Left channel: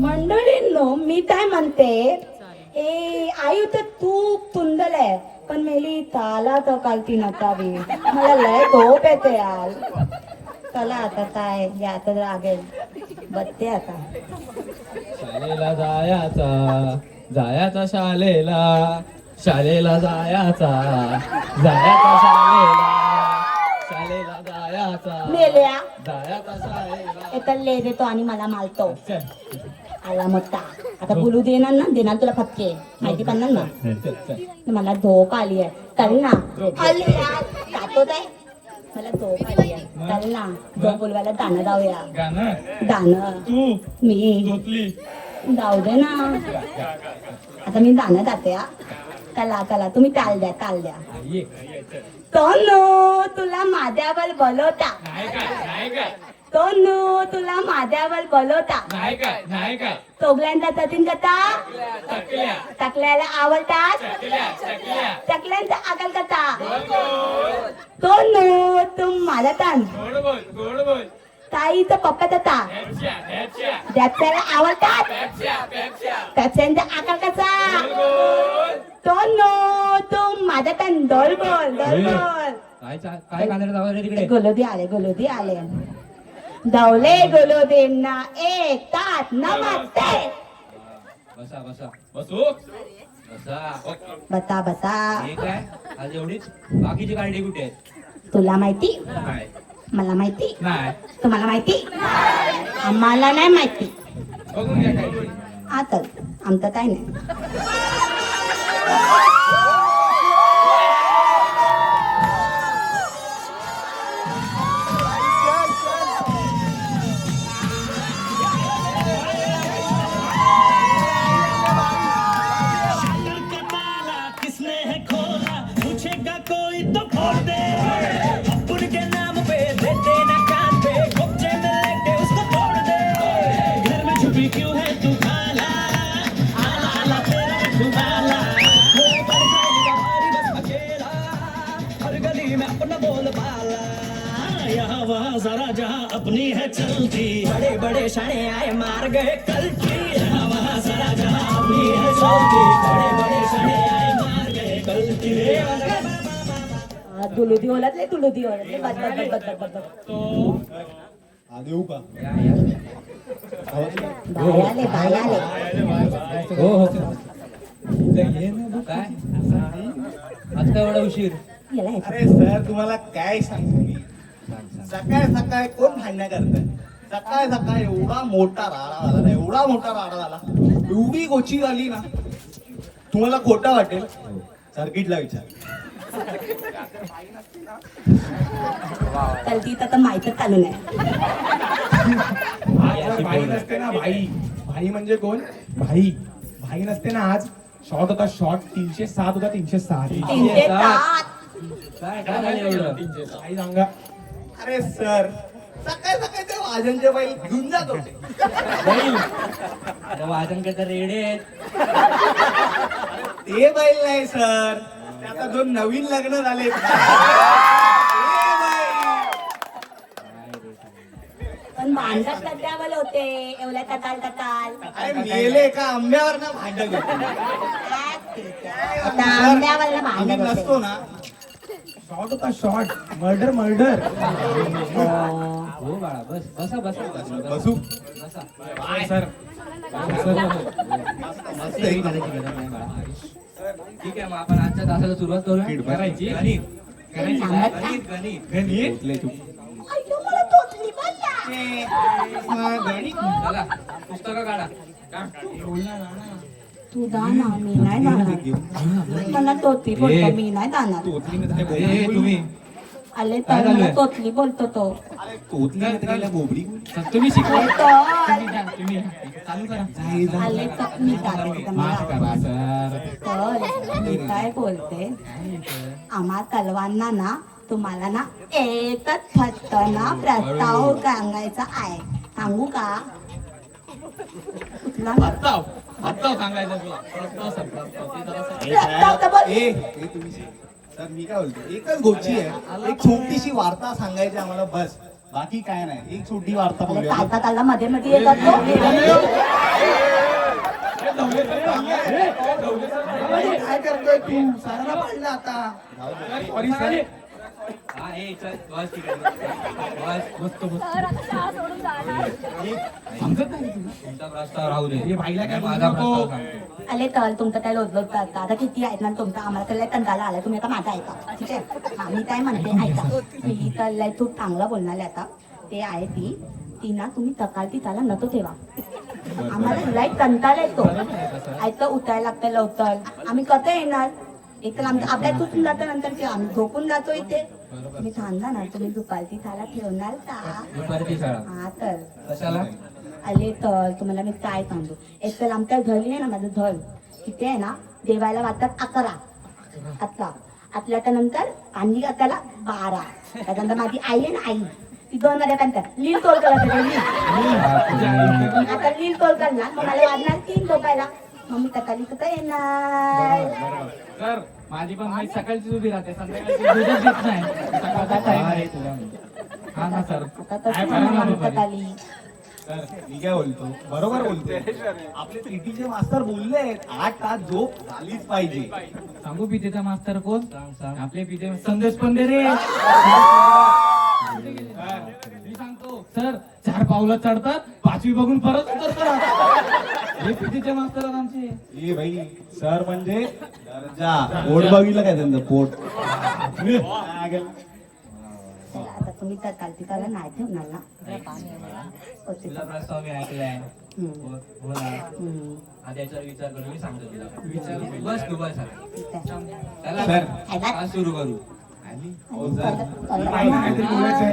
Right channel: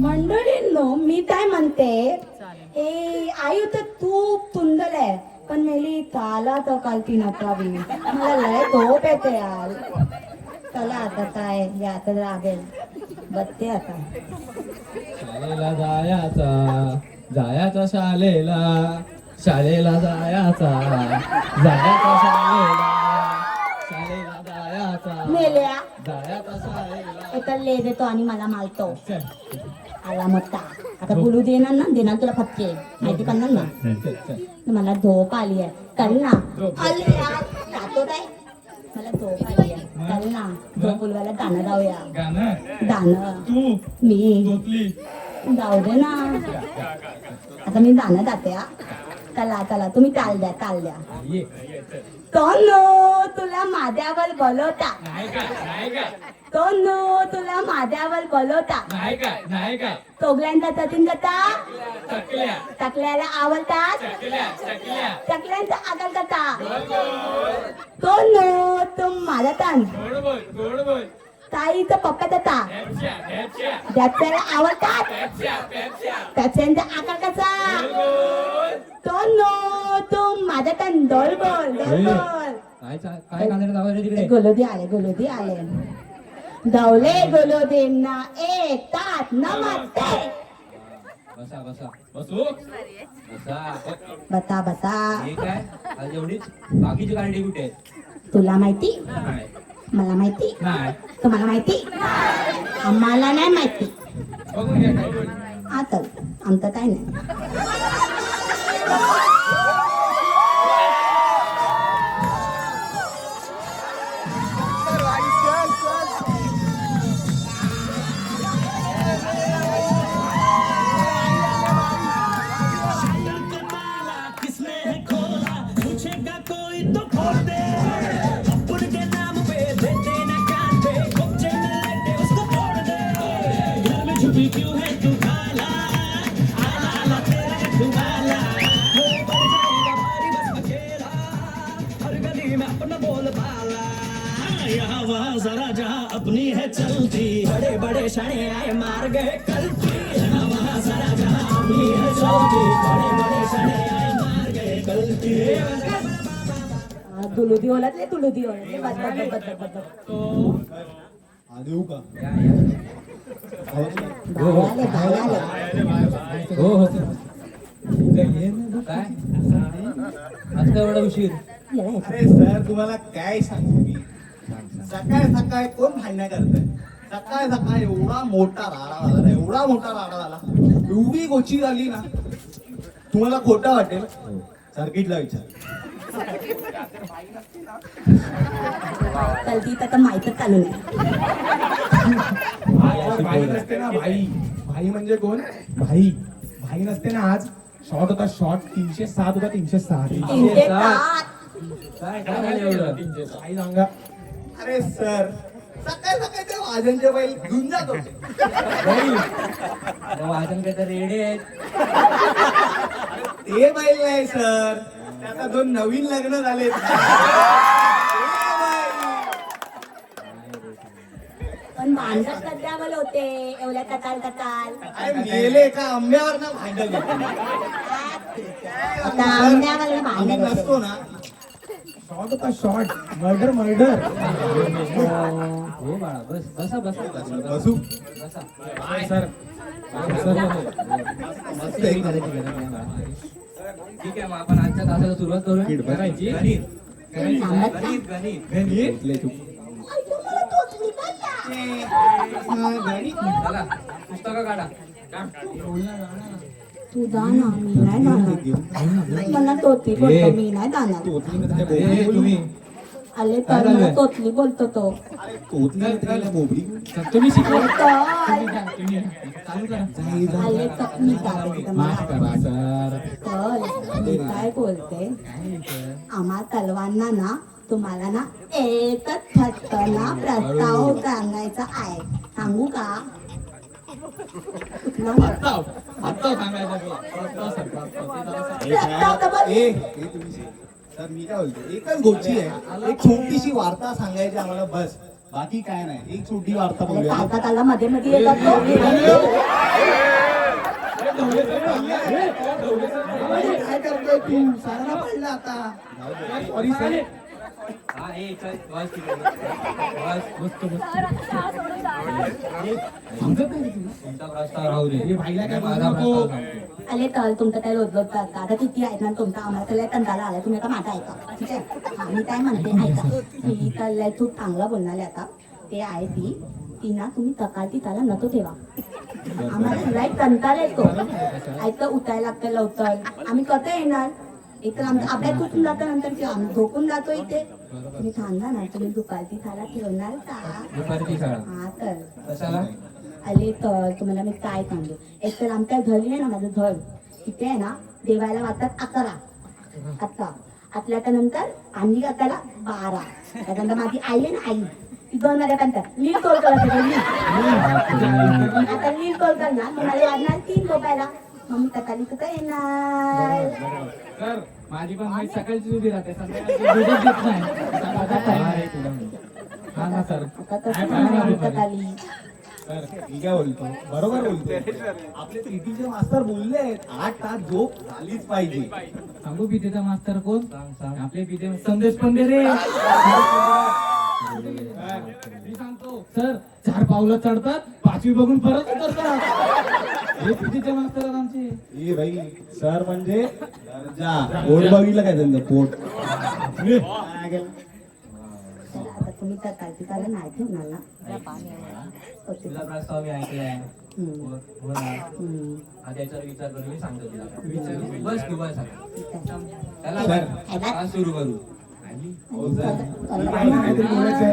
मंडळींनो मी काय म्हणते ए आई तर खूप सुंदर आहे पण मेली ताला तर कालती नकावी मला लय झोप येते यार. चला आता काय या आता लागेल बघते आता. शाळेला जायचा शाळेला शाळेला जायचा शाळेला जायचा मेल्या शाळेला एका ले देतो आणि मला मारतो. आला मोठा आता बोलू देणार तुला फटके माहिती पडणार ना. मला झोप आली आहे चल ना. आली यार जातो काय मला झोप आली आहे चल ना झोप बोलवायला गाणं जाऊया. गाणं मी जाऊ दे ना आता मी गाणं जाते हा. कला तुम्ही ताल द्या. तोनो तुला माझ्यावर बोलवता तोनो तुला माझ्यावर बोलवता नाही का चोगल्यांचा सचिन कथा टकल्याला आवडतात चकल्यांचा आकल कथा तोनो तुम माझा तान ताईचं पप्पा तथा त्याला आवडतात त्याच्यांचा आकार कसा तोनो तुम माझा तान डोल बोल काय कांद्याला जावं रे तिकडे गोलोदी आले धावले गोलोदींना एक ताट नमस्ते. बता हे काय आज एवढीच बाकीची गाडी कुठे आहेत? तुला माहिती नाही मला माहिती नाही तुम्हाला माहिती आम्हाला नाही माहिती. बघून घ्या काय आता आमचं काय नाही. जरा जहाँ अपनी है चलती बड़े बड़े शाने आए मार गए कल्टी. वहाँ जरा जहाँ अपनी है चलती बड़े बड़े शाने आए मार गए कल्टी. दुलुदी ओळखले बद देऊ का बाय आले हो काय आज काय एवढा उशीर? अरे सर तुम्हाला काय सांगू मी सकाळ कोण भांडणं करत सकाळ एवढा मोठा राडा झाला एवढी गोची झाली ना तुम्हाला खोटा वाटेल सर्किटला विचार. कल्टी तर माहीतच चालू नाही. भाई नसते ना भाई म्हणजे कोण भाई नसते ना आज शॉट होता शॉट 307 होता 306 काय काय एवढं भाई सांगा. अरे सर सकाळ ते वाजनचे बैल घेऊन जात होते. वाजन काय तर रेडे आहेत. ते बैल नाही सर त्याचा 2 नवीन लग्न झाले. पण भांडत सध्यावर होते एवढ्या कताल अरे मेले का आंब्यावर ना भांडण आता आंब्यावर आम्ही भांडत नसतो ना शॉट होता शॉट मर्डर हो बाळा बसा बसू सर ठीक आहे मग आपण आजच्या तासाला सुरुवात करूया. करायची चला पुस्तकं काढा. तू दाना मी नाही जाणार मला तोतली बोलतो मी नाही जाणार. तुम्ही आले तर मला तोतली बोलतो तो. अरे तोतली बोबडी तुम्ही शिकवा. तर तुम्ही चालू करा. आले तर मी जाते तुम्हाला. तर मी काय बोलते आम्हा तलवांना ना तुम्हाला ना एकच ना प्रस्ताव सांगायचा आहे. सांगू का? कुठला प्रस्ताव सांगायचा तुला. प्रस्ताव तर बोल. सर मी काय बोलतो एकच गोष्टी आहे एक छोटीशी वार्ता सांगायची आम्हाला बस बाकी काय नाही एक छोटी वार्ता अरे बोलूया काका त्याला मध्ये मध्ये येतात ना. काय करतोय तू सरांना पडलं आता हा हे चल बस तिकडे बस तुमचा प्रस्ताव राहू दे माझा प्रस्ताव सांगतो. आले तर तुमचं काय लोजलोत आता किती आहेत ना तुमचा आम्हाला तर लय कंटाळा आला तुम्ही आता माझा ऐका ठीक आहे. हा, मी काय म्हणते ऐका मी तर लय खूप चांगलं बोलणार आहे आता ते आहे ती ना तुम्ही तकालती त्याला नको ठेवा आम्हाला लय कंटाळा येतो ऐकतं उठायला लागतं लवकर आम्ही कसं येणार एक तर आमचं अभ्यास तुटून जातो नंतर की आम्ही झोपून जातो इथे तुम्ही सांगा ना तुम्ही दुपारची थाला ठेवणार का दुपारची शाळा हा तर कशाला आले तर तुम्हाला मी काय सांगू एक तर आमच्या घरी आहे ना माझं घर तिथे आहे ना देवायला वाटतात 11 आपल्या नंतर आणि त्याला 12 त्याच्यानंतर माझी आई आहे ना आई ती 2 वाजेपर्यंत लील तोल करत आता लील तोल करणार तुम्हाला वाजणार 3 झोपायला मग मी तकाली कुठं येणार सर माझी पण माहिती सकाळची उभी राहते संध्याकाळची दूधच देत नाही हा ना सर आता कसं म्हणणार मी तकाली तर मी काय बोलतो बरोबर बोलतोय आपले प्रीतीचे मास्तर बोलले 8 तास झोप झालीच पाहिजे सांगू पितेचा मास्तर कोण आपले पिते संदेश पण दे रे मी सांगतो सर 4 पावलं चढतात 5वी बघून परत उतरतात हे पितेचे मास्तर आहेत आमचे ए भाई सर म्हणजे दर्जा पोट बघितलं काय त्यांचं पोट काय केलं? आता तुम्ही तकालची कारण नाही ठेवणार ना तुझा प्रस्ताव मी ऐकलाय हम्म. हो ना हम्म. आता याच्यावर विचार करून मी सांगतो तुला बस तू बस ठीक आहे. त्याला सर. आज सुरू करू हो सर. काहीतरी बोलायचंय.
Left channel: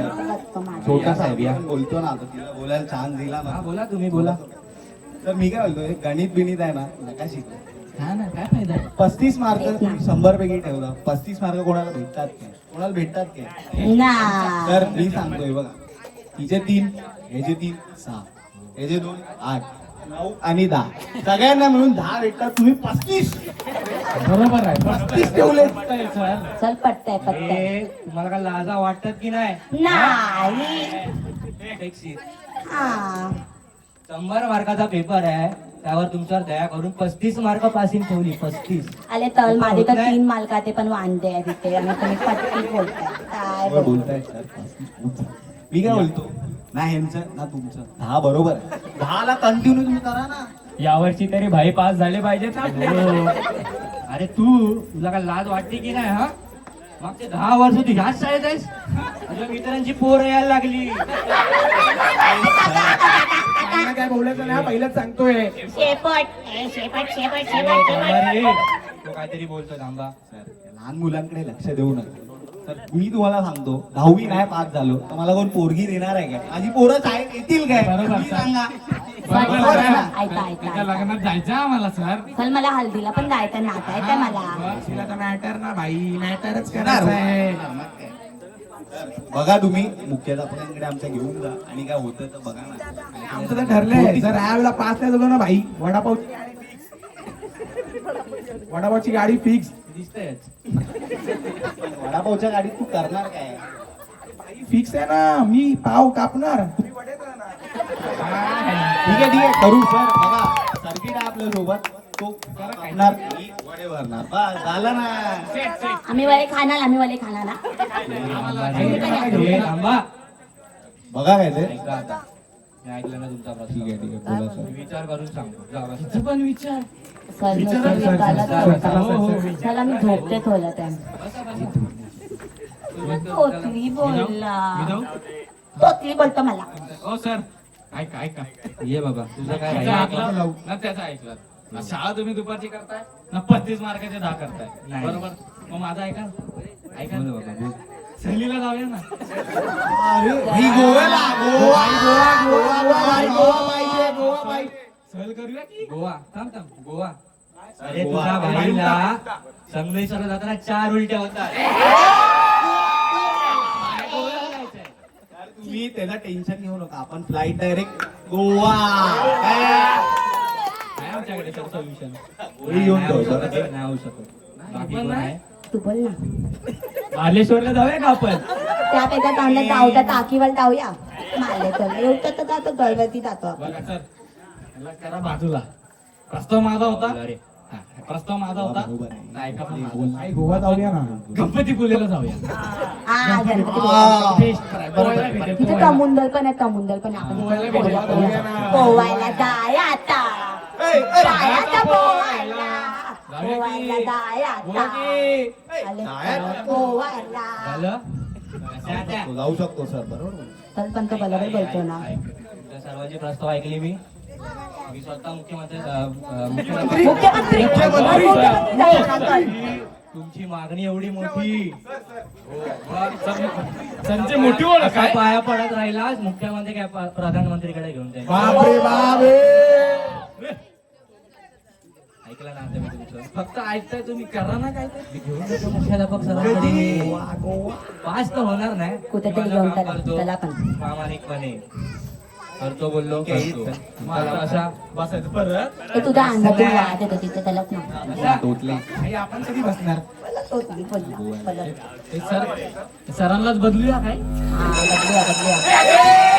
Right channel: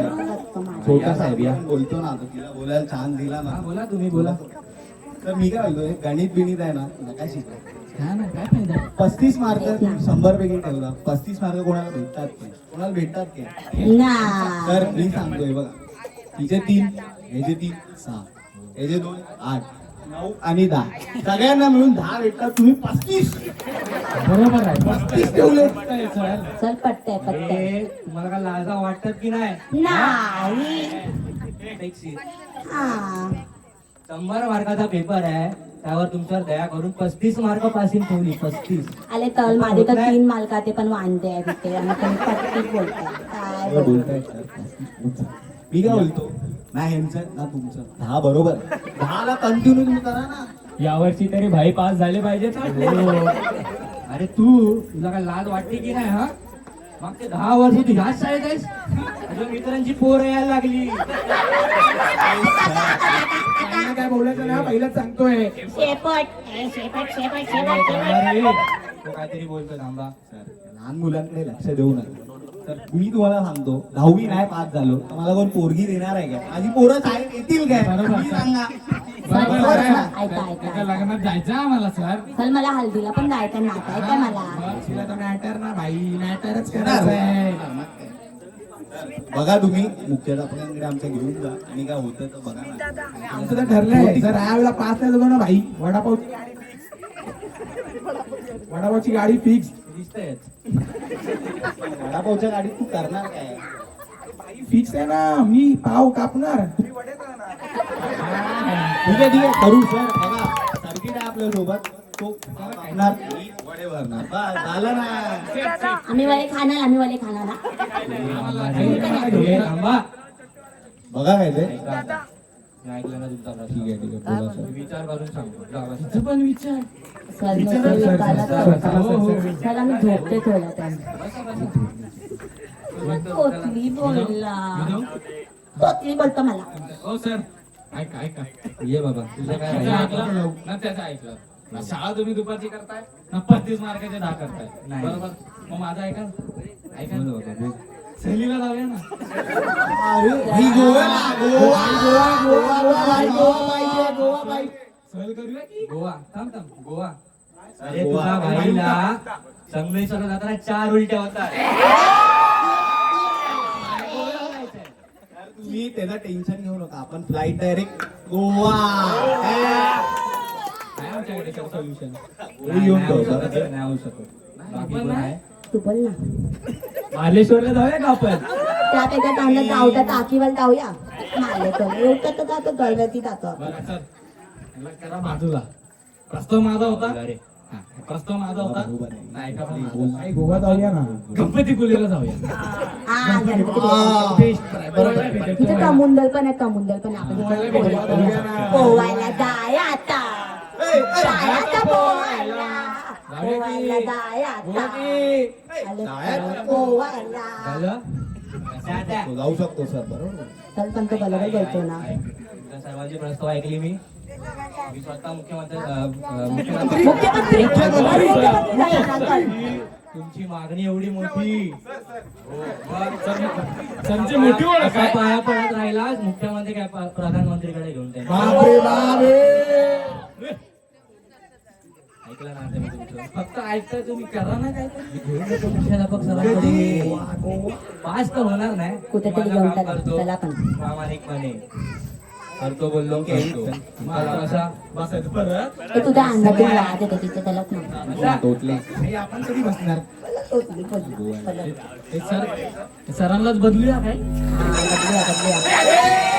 छोटा साहेब या बोलतो ना आता तिला बोलायला छान दिला ना हा बोला तुम्ही बोला तर मी काय बोलतोय गणित बिणित आहे ना नका शिका हा ना काय फायदा 35 मार्क 100 पैकी ठेवला 35 मार्क कोणाला भेटतात काय कोणाला भेटतात काय ना तर मी सांगतोय बघा तिचे 3 ह्याचे 3 6 ह्याचे 2 8 9 आणि 10 सगळ्यांना मिळून 10 भेटतात तुम्ही 35 बरोबर आहे 35 ठेवले सर चल पटतंय पटतंय अरे, तुम्हाला का लाजा वाटतात की नाही नाही Take seat. हा 100 मार्काचा पेपर आहे त्यावर तुमच्यावर दया करून 35 मार्क पासिंग ठेवली 35 आले तर माझे तर 3 मालकाचे पण वांदे आहे तिथे आणि तुम्ही पटकीत बोलताय काय बरोबर बोलताय? बोलताय सर मी काय बोलतो ना ह्यांचं ना तुमचं 10 बरोबर 10 ला कंटिन्यू तुम्ही करा ना यावर्षी तरी भाई पास झाले पाहिजेत आपले अरे तुला काय लाज वाटते की नाही हा मागचे 10 वर्ष तू ह्याच शाळेत आहेस तुझ्या मित्रांची पोरं यायला लागली काय बोलायचं ना पहिलंच सांगतोय अरे, तो काहीतरी बोलतो थांबा सर, लहान मुलांकडे लक्ष देऊ नका तर मी तुम्हाला सांगतो 10वी नाही पास झालो तर मला कोण पोरगी देणार आहे काय माझी पोरं शाळेत येतील काय बरोबर, तुम्ही सर. सांगा बरोबर बरोबर आहे ना? ऐका ऐका त्याच्या लग्नात जायचं आम्हाला सर चल मला हल्दीला पण जायचं नाचायचंय मला तुला तर मॅटर ना भाई मॅटरच येणार. करायचंय बघा तुम्ही मुख्याध्यापकांकडे आमच्या घेऊन जा आणि काय होतं तर बघा ना आमचं तर ठरलंय जर यावेळेला पास नाही झालो ना भाई वडापावची गाडी फिक्स दिसतंय वडापावच्या गाडीत तू करणार काय फिक्स आहे ना मी पाव कापणार ठीक आहे करू सर बघा सर्किट आहे आपल्या सोबत तो कापणार, मी वडे भरणार बस झालं ना आम्ही वाले खाणार ना हे थांबा बघा काय ते ऐका आता. मी ऐकलं ना तुमचा प्रश्न ठीक आहे बोला सर मी विचार करून सांगतो जा बसा. तिचं पण विचार सर विचारा, नसेल सर, विचारलं सर, तर हो, हो, हो. चला मी झोपते थोडं त्यांना बसा बसा सुरुवात करू, चला. तोतली बोलला विनोद? तोतली बोलतो मला ओ सर ऐका ऐका ये बाबा तुझं काय त्याचं आहे? ऐकलं ना त्याचं ऐकलं ना शाळा तुम्ही दुपारची करताय ना 35 मार्काचे 10 करताय नाही. बरोबर मग माझा ऐका ऐका बोल बाबा, बोल. सहलीला जाऊया ना अरे भाई गोव्याला गोवा गोवा गोवा गोवा पाहिजे गोवा पाहिजे सहल करूया की गोवा थांब थांब गोवा अरे गोवा. तुझ्या भाईला संगमेश्वरला जाताना 4 उलट्या होतात तुम्ही त्याला टेन्शन घेऊ नका आपण फ्लाईट डायरेक्ट गोवा काय आमच्याकडे सोल्युशन गोळी घेऊन जाऊ सर. नाही होऊ शकत बाकी पण कोण नाही. आहे तू बोल ना मार्लेश्वरला जाऊया का आपण त्यापेक्षा चांगलं धावता टाकीवर धावूया मारले तर एवढं तर जातो गळवती जातो आपण. बरं सर याला करा बाजूला. प्रस्ताव माझा होता. अरे हा, प्रस्ताव माझा होता. नाही का पण माझा. नाही गोवा जाऊया ना. गणपतीपुळेला जाऊया. हा गणपती हा. टेस्ट करायला. पोहायला भेटेल, तिथे पोहायला. कमुंदल पण आहे कमुंदल पण आहे. पोहायला भेटेल, आपण पोहायला. पोवायला जाय आता जायचं पोवायला जाऊया की? पोवायला जाय आता गोवा की? आले पोवायला झालं त्या जाऊ शकतो सर बरोबर. चल पण तो बरोबर बोलतो ना. तुमच्या सर्वांचे प्रस्ताव ऐकले मी स्वतः मुख्यमंत्री मुख्यमंत्री तुमची मागणी एवढी मोठी हो, मग त्यांची मोठी ओळख असा आहे. पाया पडत राहिलास मुख्यमंत्री काय प्रधानमंत्रीकडे घेऊन जाईल. बापरे बापरे. ऐकलं ना आता मी तुमचं फक्त ऐकताय तुम्ही करा ना काय मी घेऊन जातो मुख्याध्यापक सरांकडे पास तर होणार नाही कुठेतरी माझं घेऊन काम टाका. करतो चला पण. प्रामाणिकपणे करतो बोललो करतो. मला कसा बसायचं परत. तो तुझा अंगातून वाद येतो तिथे त्यालाच नाही कसा? आई, आपण कधी बसणार? तोच नाही बोलला. हे सर हे सरांनाच बदलूया काय? बदलूया, बदलूया.